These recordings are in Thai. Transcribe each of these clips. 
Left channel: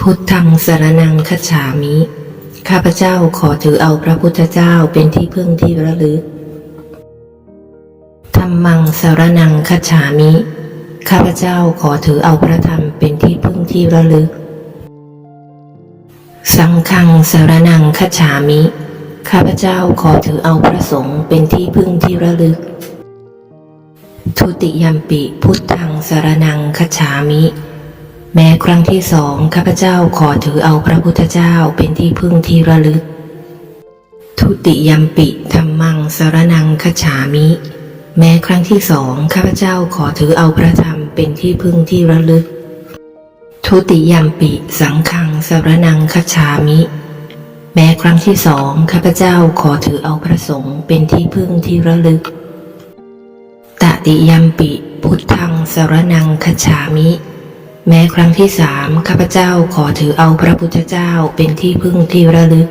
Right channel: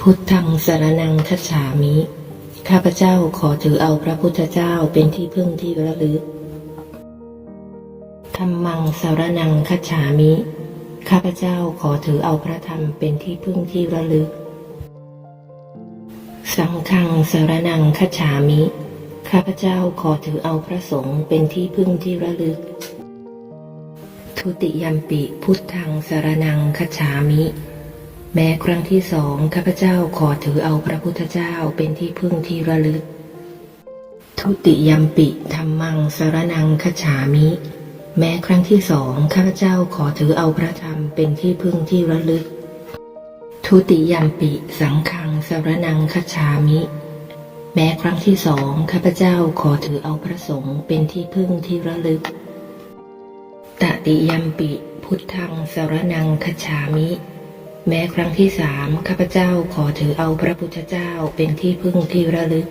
พุทธังสรนังคัจฉามิ ข้าพเจ้าขอถือเอาพระพุทธเจ้าเป็นที่พึ่งที่ระลึก ธรรมังสรนังคัจฉามิ ข้าพเจ้าขอถือเอาพระธรรมเป็นที่พึ่งที่ระลึก สังฆังสรนังคัจฉามิ ข้าพเจ้าขอถือเอาพระสงฆ์เป็นที่พึ่งที่ระลึก ทุติยมปิพุทธังสารนังคัจฉามิ แม้ครั้งที่สองข้าพเจ้าขอถือเอาพระพุทธเจ้าเป็นที่พึ่งที่ระลึก ทุติยมปิธรรมังสารนังคัจฉามิ แม้ครั้งที่สองข้าพเจ้าขอถือเอาพระธรรมเป็นที่พึ่งที่ระลึก ทุติยมปิสังฆังสารนังคัจฉามิ แม้ครั้งที่สองข้าพเจ้าขอถือเอาพระสงฆ์เป็นที่พึ่งที่ระลึก ตติยมปิ พุทธังสารนังคัจฉามิ แม้ครั้งที่สามข้าพเจ้าขอถือเอาพระพุทธเจ้าเป็นที่พึ่งที่ระลึก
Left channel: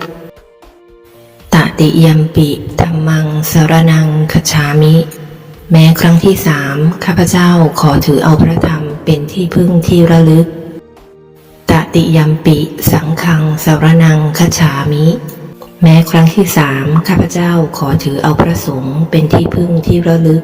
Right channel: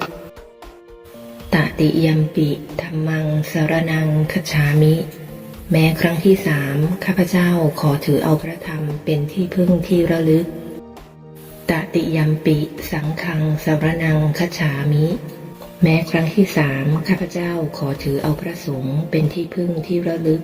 ตติยมปิธรรมังสรนังคัจฉามิ แม้ครั้งที่สามข้าพเจ้าขอถือเอาพระธรรมเป็นที่พึ่งที่ระลึก ตติยมปิสังฆังสรนังคัจฉามิ แม้ครั้งที่สามข้าพเจ้าขอถือเอาพระสงฆ์เป็นที่พึ่งที่ระลึก